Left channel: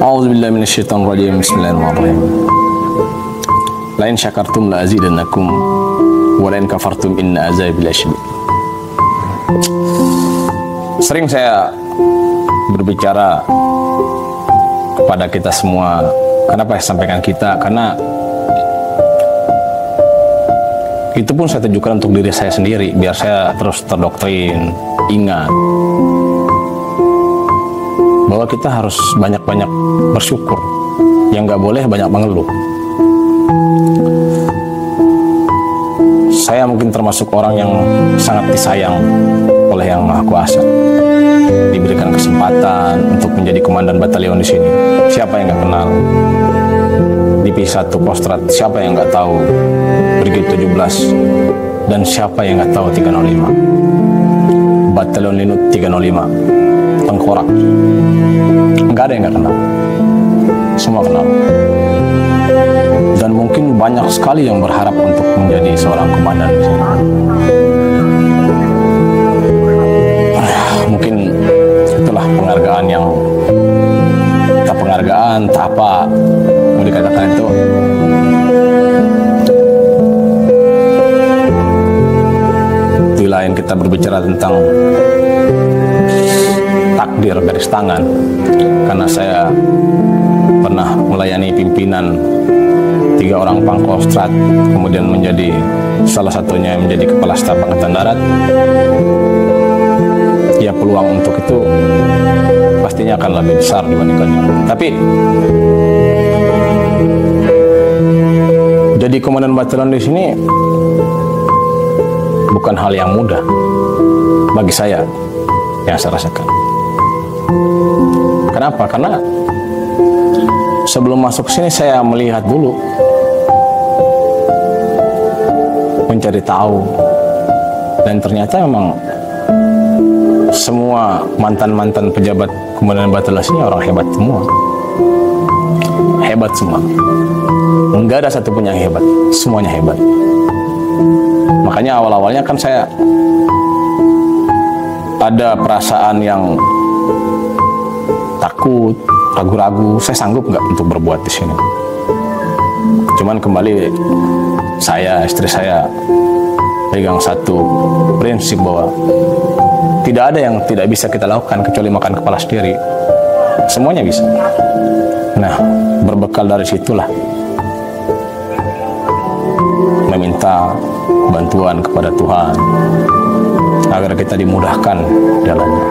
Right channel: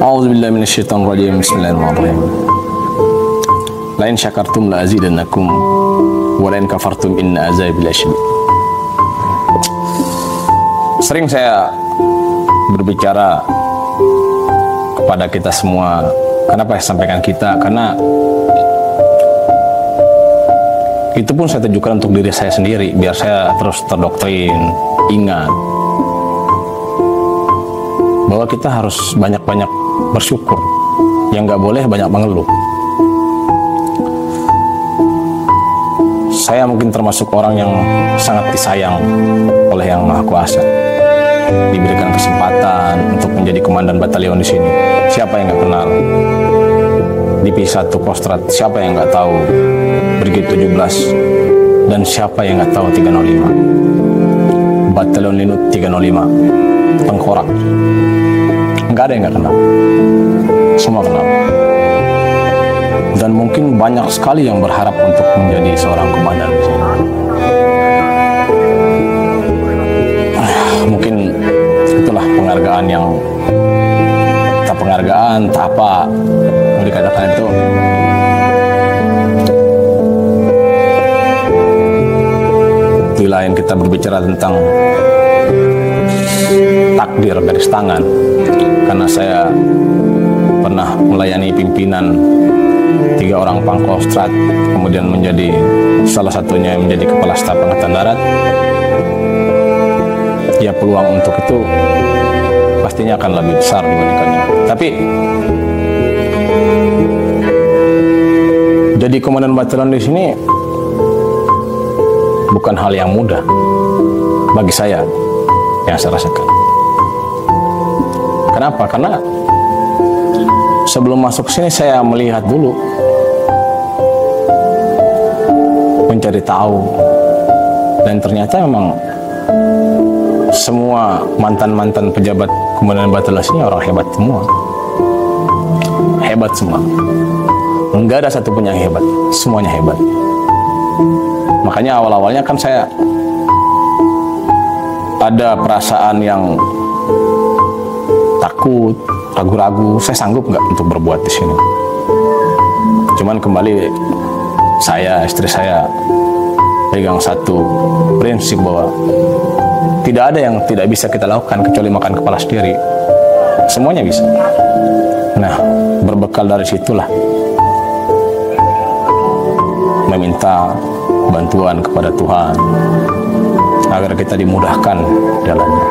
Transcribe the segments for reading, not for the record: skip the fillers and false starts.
A'udzubillahi minasyaitonirrajim. Bismillahirrahmanirrahim. Lain syakartum la azidannakum wa lain kafartum inna azabi lasyadid. Sering saya berbicara kepada kita semua. Kenapa saya sampaikan kita? Karena itu pun saya tunjukkan untuk diri saya sendiri, biar saya terus terdoktrin. Ingat bahwa kita harus banyak-banyak bersyukur, yang nggak boleh banyak mengeluh. Saya mungkin termasuk orang yang sangat disayang oleh Yang Maha Kuasa, diberikan kesempatan untuk menjadi komandan batalion di sini. Siapa yang nggak kenal di P1 Kostrad? Siapa yang nggak tahu Brigade 17? Dan siapa yang nggak tahu 305 Batalion Linut 305 Tengkorak? Nggak ada yang nggak kenal, semua kenal. Dan mungkin banyak sekali yang berharap untuk menjadi seorang komandan di sini. Mungkin itulah penghargaan yang tak penghargaan, tak apa mau dikatakan itu. Di lain kita berbicara tentang takdir garis tangan, karena saya pernah melayani pimpinan 3 orang Pangkostrat, kemudian menjadi salah satunya menjadi Kepala Staf Angkatan Darat. Ya, peluang untuk itu pastinya akan lebih besar dibandingkannya. Tapi jadi komandan batalion di sini bukan hal yang mudah bagi saya, yang saya rasakan. Kenapa? Karena sebelum masuk sini saya melihat dulu, mencari tahu, dan ternyata memang semua mantan-mantan pejabat komandan batalion ini orang hebat semua. Hebat semua. Enggak ada satupun yang hebat, semuanya hebat. Makanya awal-awalnya kan saya ada perasaan yang takut, ragu-ragu, saya sanggup nggak untuk berbuat di sini. Cuman kembali saya, istri saya pegang satu prinsip bahwa tidak ada yang tidak bisa kita lakukan kecuali makan kepala sendiri. Semuanya bisa. Nah, berbekal dari situlah meminta bantuan kepada Tuhan agar kita dimudahkan jalannya.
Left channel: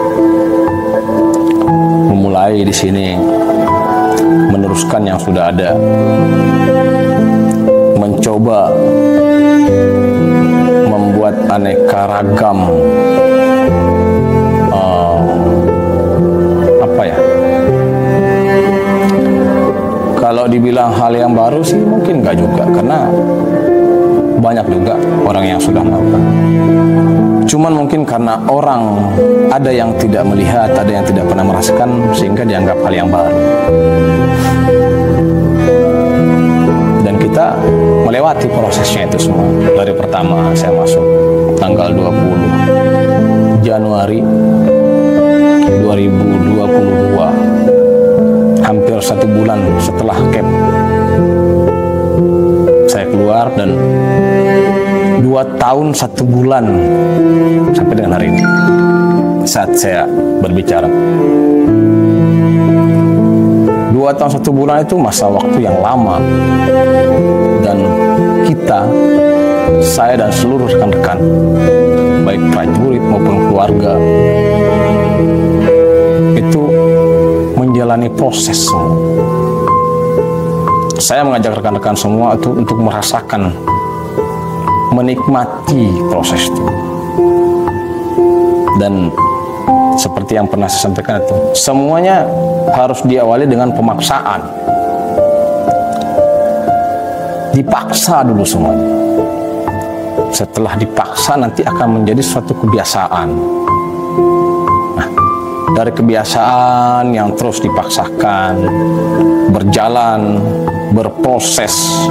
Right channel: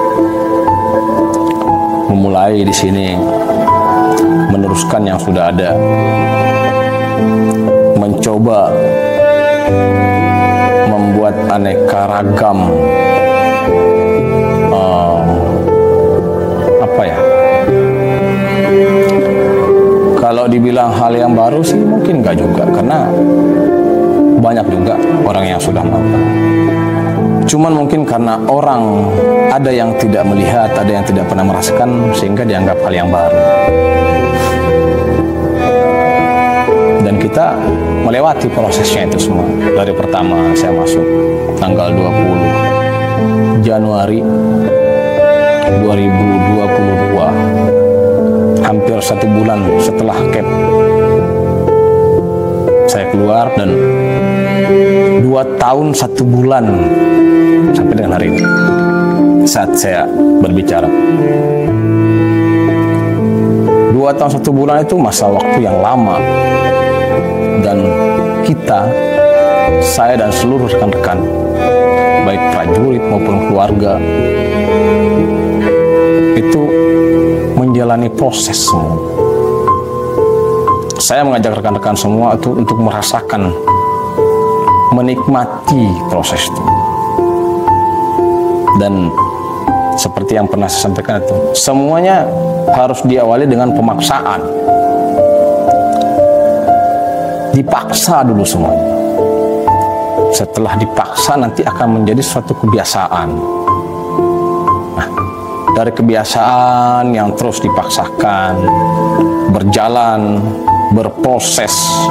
Memulai di sini, meneruskan yang sudah ada, mencoba membuat aneka ragam kalau dibilang hal yang baru sih mungkin nggak juga, karena banyak juga orang yang sudah melakukan. Cuman mungkin karena orang ada yang tidak melihat, ada yang tidak pernah merasakan, sehingga dianggap hal yang baru. Dan kita melewati prosesnya itu semua. Dari pertama saya masuk tanggal 20 Januari 2022, hampir 1 bulan setelah cap saya keluar, dan 2 tahun 1 bulan sampai dengan hari ini saat saya berbicara. 2 tahun 1 bulan itu masa waktu yang lama, dan kita, saya dan seluruh rekan-rekan, baik prajurit maupun keluarga, itu menjalani proses semua. Saya mengajak rekan-rekan semua itu untuk merasakan, menikmati proses itu. Dan seperti yang pernah saya sampaikan itu, semuanya harus diawali dengan pemaksaan. Dipaksa dulu semuanya. Setelah dipaksa nanti akan menjadi suatu kebiasaan. Nah, dari kebiasaan yang terus dipaksakan, berjalan, berproses,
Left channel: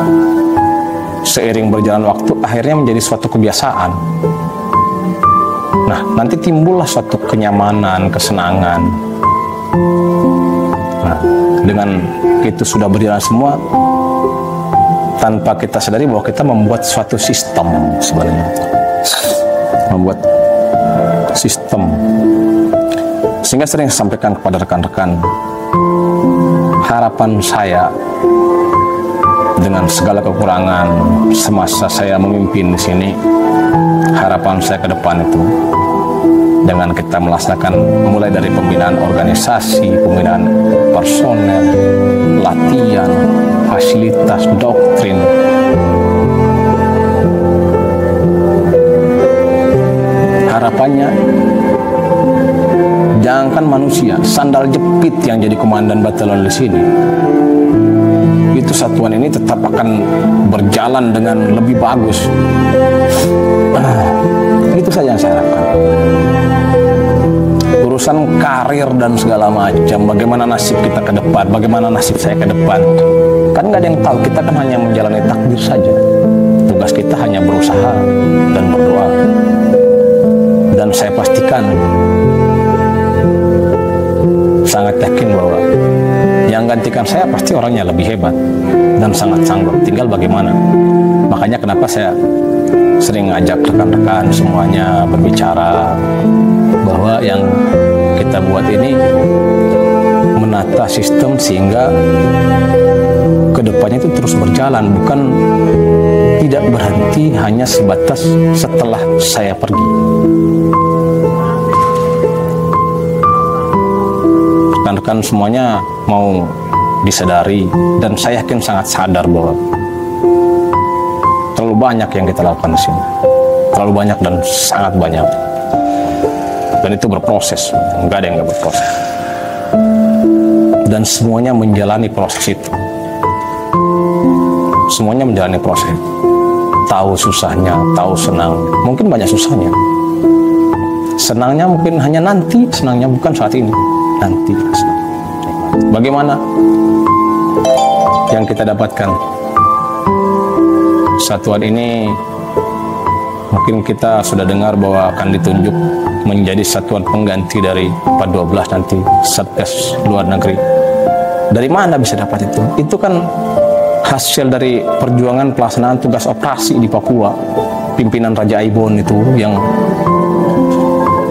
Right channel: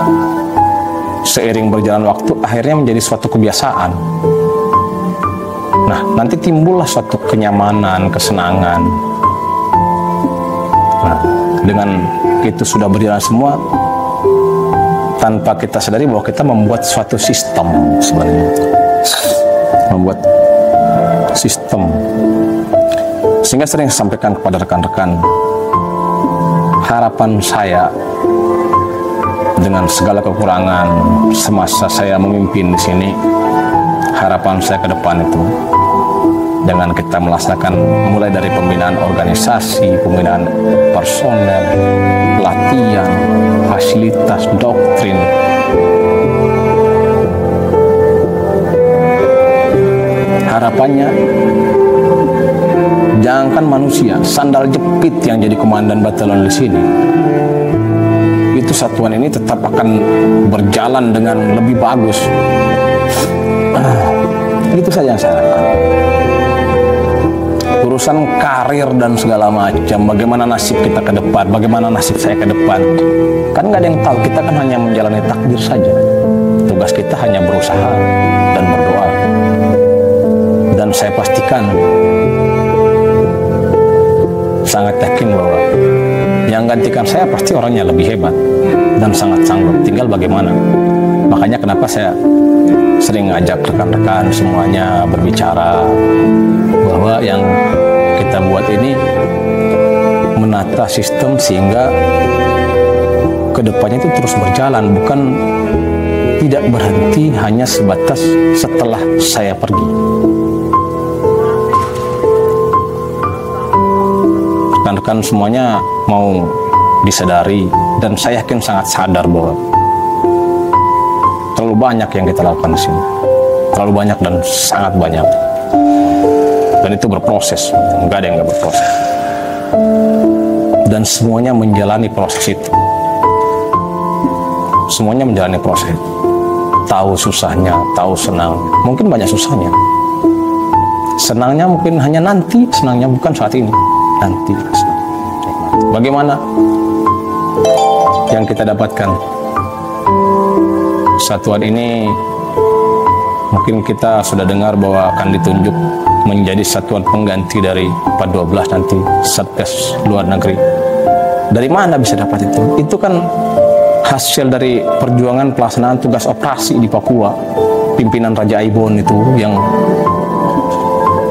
seiring berjalan waktu, akhirnya menjadi suatu kebiasaan. Nah, nanti timbullah suatu kenyamanan, kesenangan. Nah, dengan itu sudah berjalan semua, tanpa kita sadari bahwa kita membuat suatu sistem sebenarnya. Membuat sistem. Sehingga sering saya sampaikan kepada rekan-rekan, harapan saya dengan segala kekurangan semasa saya memimpin di sini, harapan saya ke depan itu dengan kita melaksanakan mulai dari pembinaan organisasi, pembinaan personel, latihan, fasilitas, doktrin, harapannya jangankan manusia, sandal jepit yang jadi komandan batalion di sini, itu satuan ini tetap akan berjalan dengan lebih bagus. Itu saja yang saya harapkan. Urusan karir dan segala macam, bagaimana nasib kita ke depan, bagaimana nasib saya ke depan, kan nggak ada yang tahu. Kita kan hanya menjalani takdir saja. Tugas kita hanya berusaha dan berdoa. Dan saya pastikan, sangat yakin bahwa yang gantikan saya pasti orangnya lebih hebat dan sangat sanggup. Tinggal bagaimana. Makanya kenapa saya sering ngajak rekan-rekan semuanya berbicara bahwa yang kita buat ini menata sistem sehingga kedepannya itu terus berjalan, bukan tidak berhenti hanya sebatas setelah saya pergi. Rekan-rekan semuanya mau disadari, dan saya yakin sangat sadar bahwa terlalu banyak yang kita lakukan di sini, terlalu banyak dan sangat banyak, dan itu berproses, nggak ada yang nggak berproses, dan semuanya menjalani proses itu, semuanya menjalani proses, tahu susahnya, tahu senang, mungkin banyak susahnya, senangnya mungkin hanya nanti, senangnya bukan saat ini, nanti. Bagaimana yang kita dapatkan? Satuan ini mungkin kita sudah dengar bahwa akan ditunjuk menjadi satuan pengganti dari 412 nanti, Satgas Luar Negeri. Dari mana bisa dapat itu? Itu kan hasil dari perjuangan pelaksanaan tugas operasi di Papua, pimpinan Raja Aibon itu yang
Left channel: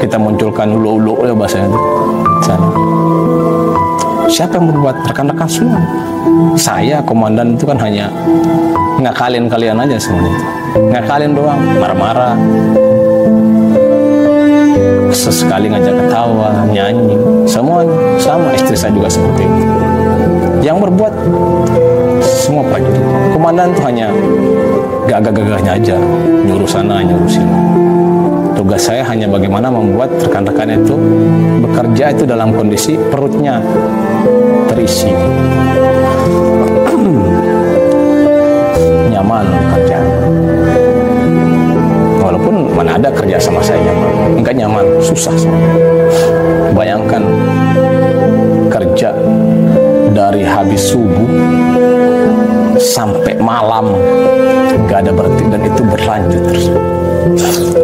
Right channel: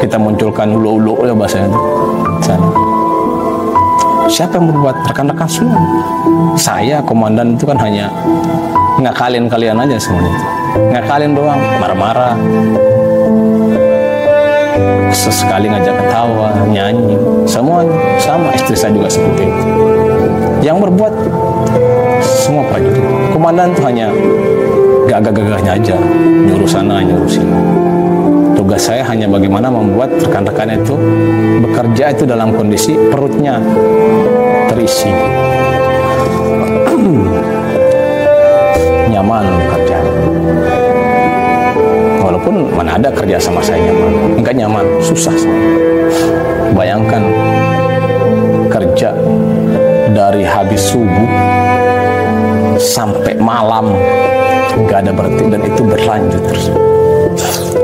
kita munculkan ulo-ulo ya bahasanya itu. Sana. Siapa yang berbuat? Rekan-rekan semua. Saya komandan itu kan hanya ngakalin kalian aja semuanya. Ngakalin doang, marah-marah. Sesekali ngajak ketawa, nyanyi, semuanya sama. Istri saya juga seperti itu. Yang berbuat semua prajurit. Komandan itu hanya gagah-gagahnya aja, nyuruh sana, nyuruh sini. Tugas saya hanya bagaimana membuat rekan-rekan itu bekerja itu dalam kondisi perutnya terisi, nyaman kerja. Walaupun mana ada kerja sama saya nyaman, enggak nyaman, susah semuanya. Bayangkan kerja dari habis subuh sampai malam enggak ada berhenti, dan itu berlanjut terus.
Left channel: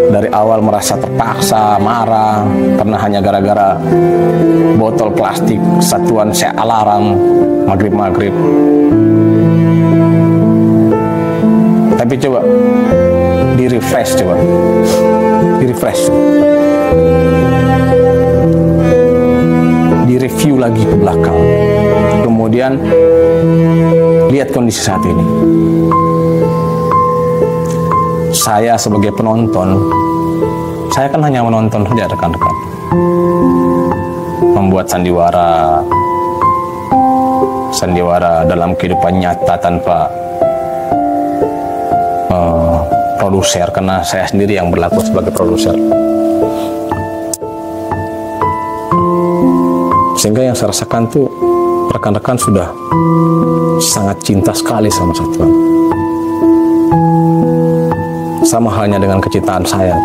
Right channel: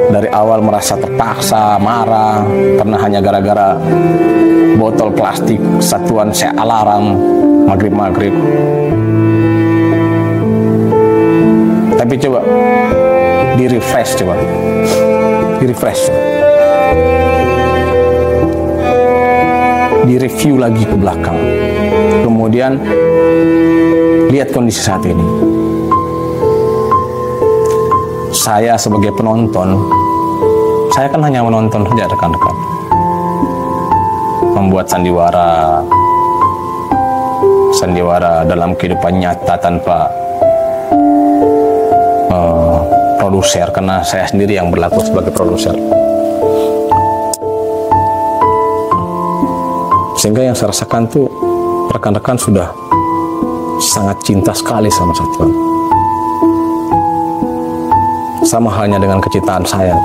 Dari awal merasa terpaksa, marah, pernah hanya gara-gara botol plastik satuan saya alarm maghrib-maghrib. Tapi coba di-refresh, di-review lagi ke belakang, kemudian lihat kondisi saat ini. Saya sebagai penonton, saya kan hanya menonton saja rekan-rekan. Membuat sandiwara dalam kehidupan nyata tanpa produser, karena saya sendiri yang berlaku sebagai produser. Sehingga yang saya rasakan tuh rekan-rekan sudah sangat cinta sekali sama satuan. Sama halnya dengan kecintaan saya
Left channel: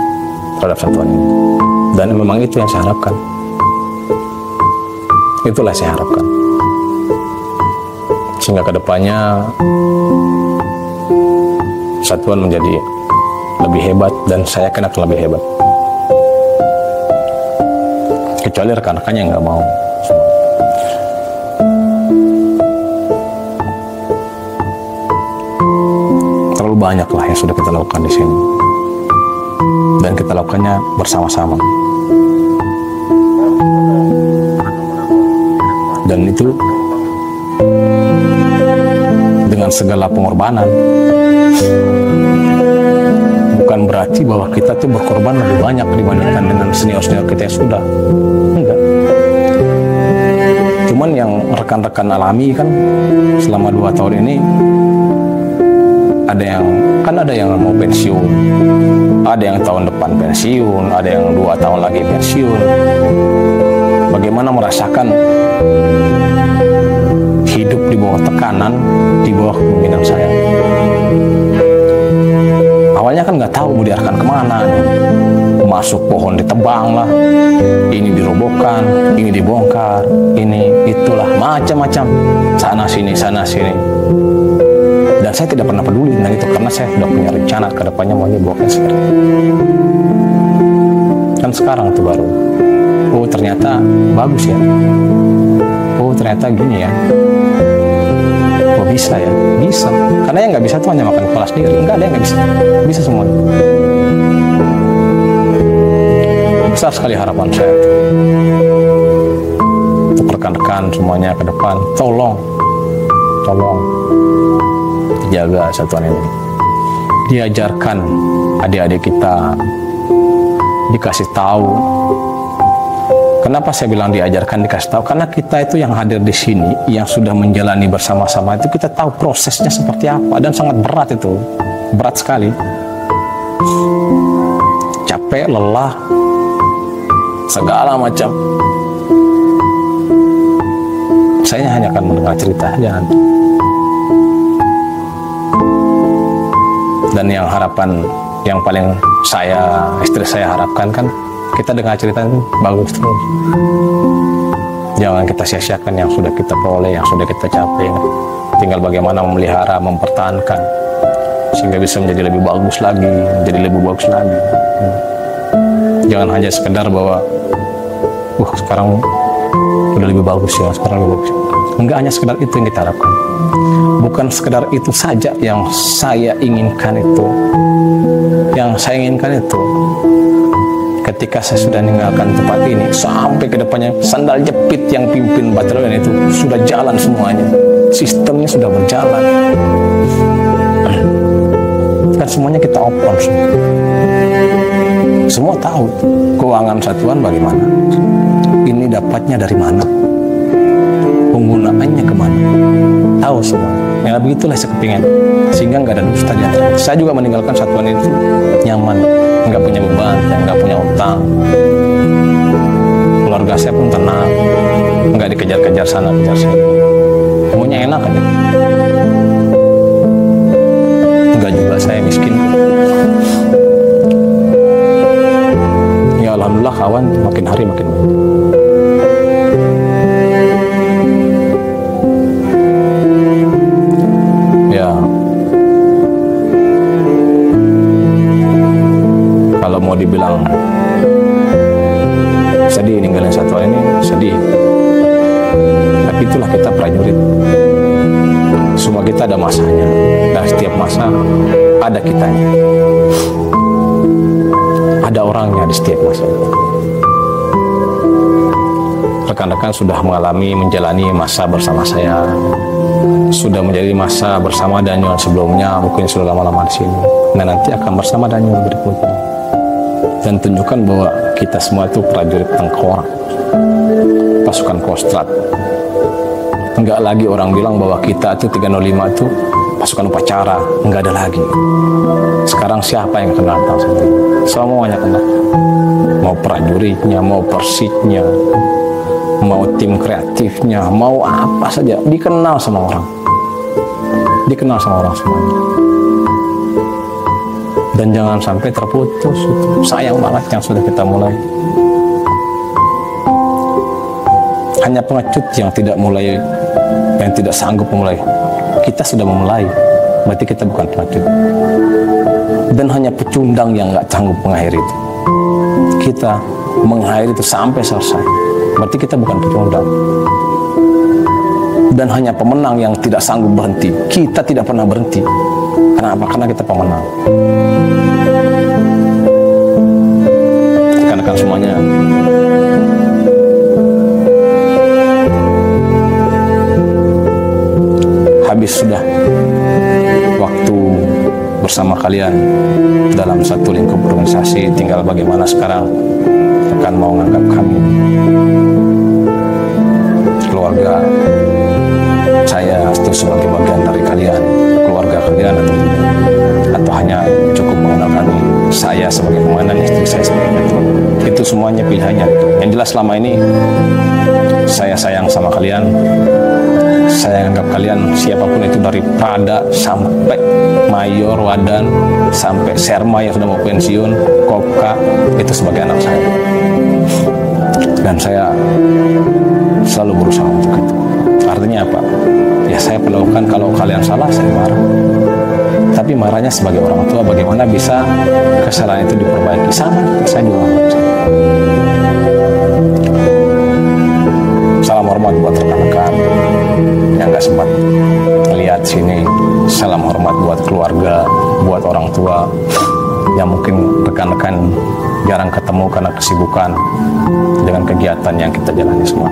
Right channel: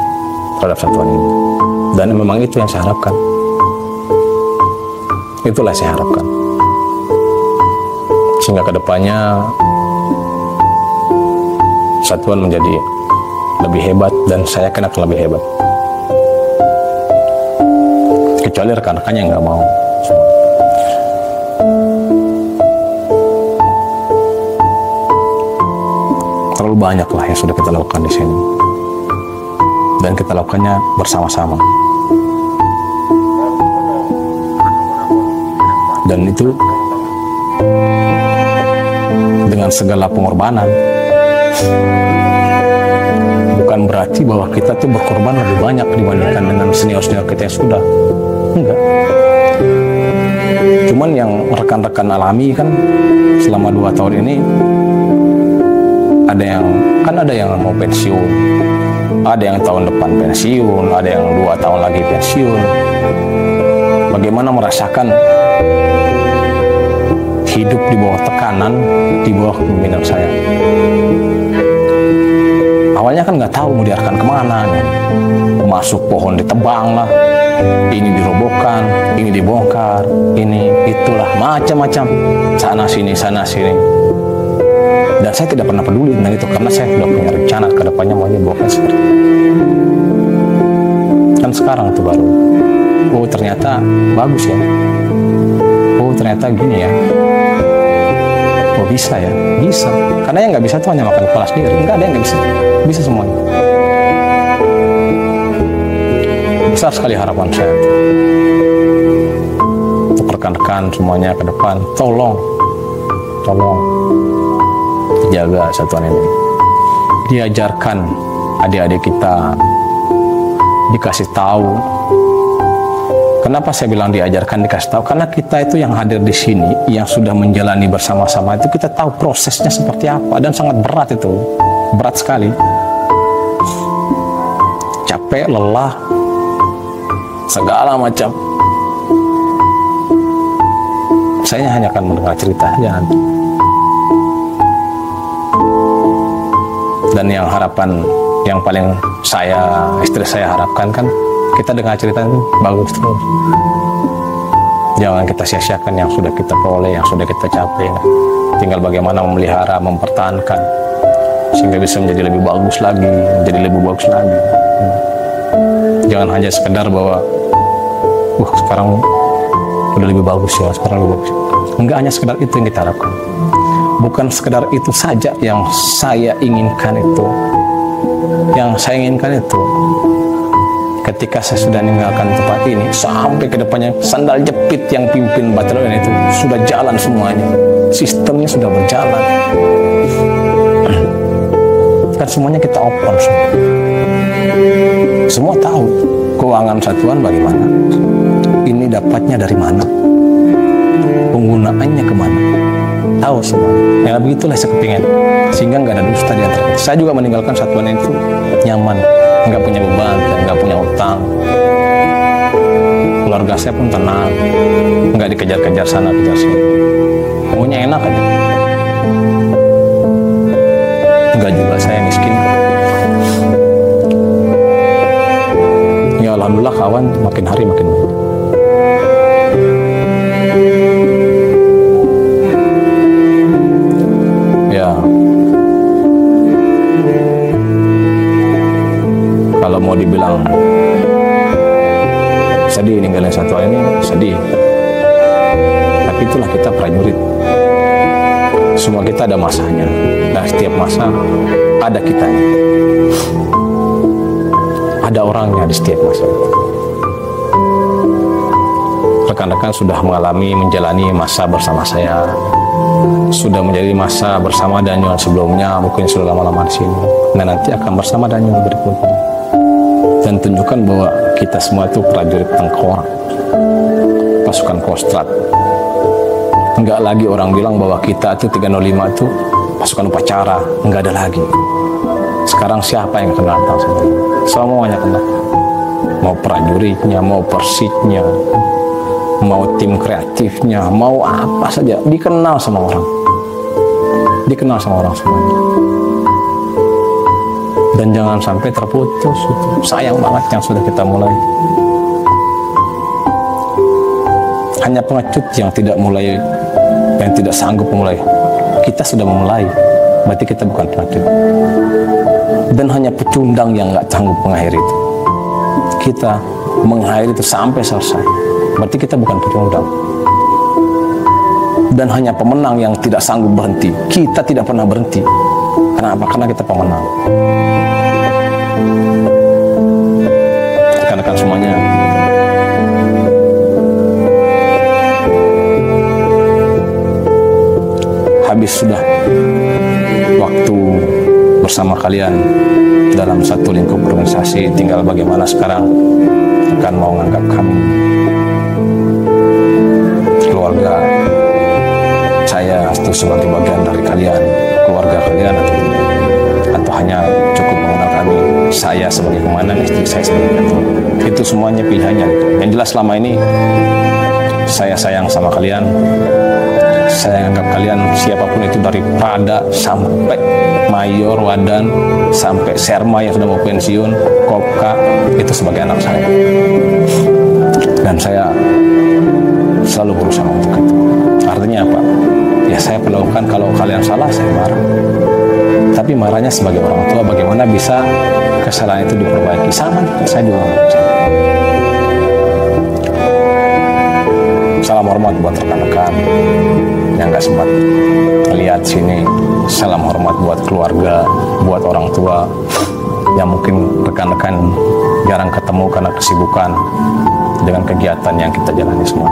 terhadap satuan ini. Dan memang itu yang saya harapkan. Itulah yang saya harapkan. Sehingga kedepannya satuan menjadi lebih hebat, dan saya yakin akan lebih hebat. Kecuali rekan-rekan yang nggak mau. banyaklah yang sudah kita lakukan di sini. Dan kita lakukannya bersama-sama. Dan itu dengan segala pengorbanan. Bukan berarti bahwa kita tuh berkorban lebih banyak dibandingkan dengan senior-senior kita yang sudah. Enggak. Cuman yang rekan-rekan alami kan selama 2 tahun ini ada yang mau pensiun, ada yang tahun depan pensiun, ada yang 2 tahun lagi pensiun. Bagaimana merasakan hidup di bawah tekanan, di bawah kepemimpinan saya. Awalnya kan nggak tahu mau diarahkan kemana nih. Masuk pohon ditebang lah, ini dirobohkan, ini dibongkar, ini itulah, macam-macam, sana sini. Dan saya tidak pernah peduli tentang itu karena saya sudah punya rencana ke depannya maunya bawakan seperti itu. Kan sekarang tuh baru, oh ternyata bagus ya, oh ternyata gini ya, oh bisa ya, bisa. Karena yang nggak bisa tuh hanya makan kepala sendiri, nggak ada yang nggak bisa, bisa semuanya. Besar sekali harapan saya untuk rekan-rekan semuanya ke depan, tolong jaga satuan ini. Diajarkan adik-adik kita, dikasih tahu. Kenapa saya bilang diajarkan, dikasih tahu? Karena kita itu yang hadir di sini, yang sudah menjalani bersama-sama itu, kita tahu prosesnya seperti apa, dan sangat berat itu, berat sekali. Capek, lelah, segala macam. Saya hanya akan mendengar cerita aja nanti. Dan yang harapan yang paling istri saya harapkan kan, kita dengar cerita itu bagus terus. Jangan kita sia-siakan yang sudah kita peroleh, yang sudah kita capai. Tinggal bagaimana memelihara, mempertahankan, sehingga bisa menjadi lebih bagus lagi, menjadi lebih bagus lagi. Jangan hanya sekedar bahwa sekarang udah lebih bagus ya, sekarang lebih bagus. Enggak hanya sekedar itu yang kita harapkan. Bukan sekedar itu saja yang saya inginkan itu. Yang saya inginkan itu, ketika saya sudah meninggalkan tempat ini, sampai ke depannya sandal jepit yang pimpin batalion itu sudah jalan semuanya. Sistemnya sudah berjalan. Kan semuanya kita open semua. Semua tahu keuangan satuan bagaimana. Ini dapatnya dari mana. Penggunaannya kemana. Tahu semua. Nah begitulah saya kepingin. Sehingga nggak ada dusta di antara kita. Saya juga meninggalkan satuan itu nyaman. Nggak punya beban, nggak punya utang. Keluarga saya pun tenang. Nggak dikejar-kejar sana, kejar sini. Maunya enak aja. Nggak juga saya miskin. Ya alhamdulillah kawan makin hari makin banyak. Ya, kalau mau dibilang sedih ninggalin satuan ini, sedih. Tapi itulah kita prajurit. Semua kita ada masanya, dan setiap masa ada kitanya. Ada orangnya di setiap masa itu. Rekan-rekan sudah menjalani masa bersama saya. Sudah menjadi masa bersama Daniel sebelumnya, mungkin sudah lama-lama di sini. Nah nanti akan bersama Daniel berikutnya. Dan tunjukkan bahwa kita semua itu prajurit tengkorak, pasukan Kostrad. Enggak lagi orang bilang bahwa kita itu 305 itu pasukan upacara, enggak ada lagi. Sekarang siapa yang kenal tentang saya? Semuanya kenal. Mau prajuritnya, mau persitnya, mau tim kreatifnya, mau apa saja, dikenal sama orang. Dikenal sama orang semuanya. Dan jangan sampai terputus. Sayang banget yang sudah kita mulai. Hanya pengecut yang tidak mulai, yang tidak sanggup memulai. Kita sudah memulai, berarti kita bukan pengecut. Dan hanya pecundang yang nggak sanggup mengakhiri itu. Kita mengakhiri itu sampai selesai, berarti kita bukan pecundang. Dan hanya pemenang yang tidak sanggup berhenti. Kita tidak pernah berhenti. Kenapa? Karena kita pemenang. Rekan-rekan semuanya, habis sudah waktu bersama kalian dalam satu lingkup organisasi. Tinggal bagaimana sekarang rekan mau menganggap kami keluarga saya itu sebagai bagian dari kalian, keluarga kalian atau tidak, atau hanya cukup mengenal kami, saya sebagai komandan, istri saya sebagai ketua. Itu semuanya pilihannya. Yang jelas selama ini saya sayang sama kalian. Saya anggap kalian siapapun itu, dari Prada sampai Mayor, Wadan, sampai Serma yang sudah mau pensiun, Kopka, itu sebagai anak saya. Dan saya selalu berusaha untuk itu. Artinya apa? Ya saya perlakukan kalau kalian salah, saya marah. Tapi marahnya sebagai orang tua, bagaimana bisa kesalahan itu diperbaiki. Sama juga saya juga. Salam hormat buat rekan-rekan yang gak sempat melihat sini. Salam hormat buat keluarga, buat orang tua yang mungkin rekan-rekan jarang ketemu karena kesibukan dengan kegiatan yang kita jalani semua.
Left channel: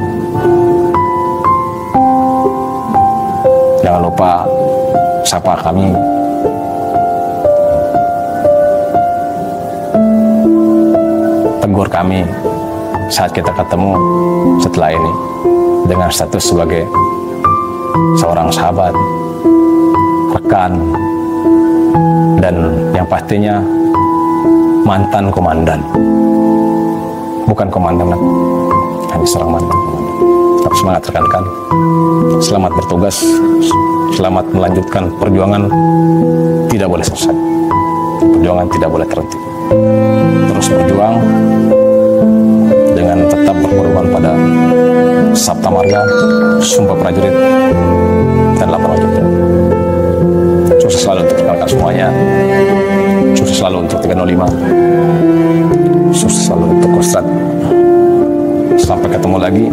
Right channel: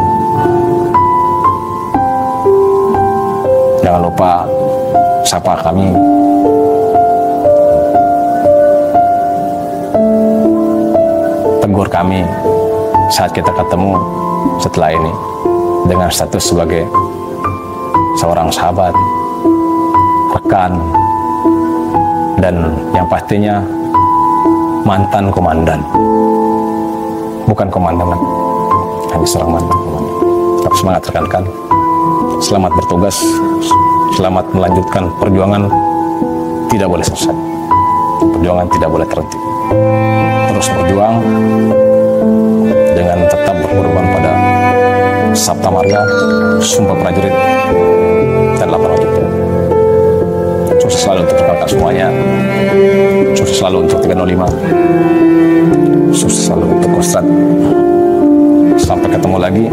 Jangan lupa sapa kami. Tegur kami saat kita ketemu setelah ini dengan status sebagai seorang sahabat, rekan, dan yang pastinya mantan komandan. Bukan komandan, hanya seorang mantan komandan. Tetap semangat rekan-rekan. Selamat bertugas, selamat melanjutkan perjuangan. Tidak boleh selesai. Perjuangan tidak boleh terhenti. Terus berjuang dengan tetap berpedoman pada Sabta Marga, Sumpah Prajurit, dan 8 wajib. Sukses selalu untuk rekan-rekan semuanya. Sukses selalu untuk 305. Sukses selalu untuk Kostrad. Sampai ketemu lagi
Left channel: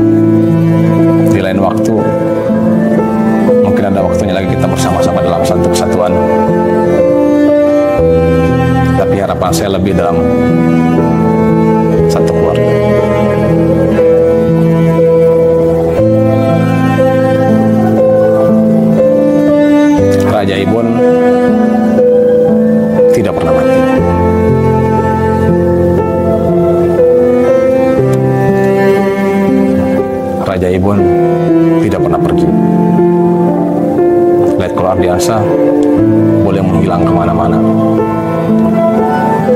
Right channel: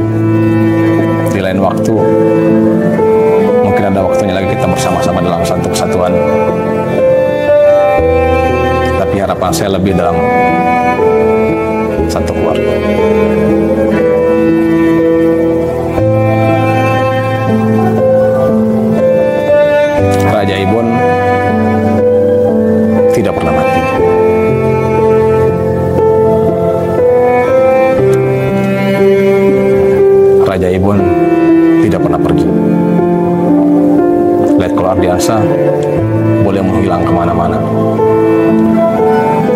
di lain waktu. Mungkin ada waktunya lagi kita bersama-sama dalam satu kesatuan. Tapi harapan saya lebih dalam satu keluarga. Raja Ibon tidak pernah mati. Raja Ibon tidak pernah pergi. Letkol Ardiansyah boleh menghilang kemana-mana,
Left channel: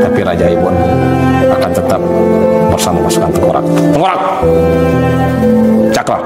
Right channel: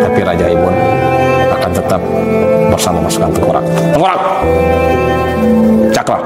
tapi Raja Ibon akan tetap bersama pasukan Tengkorak. Tengkorak! Cakra!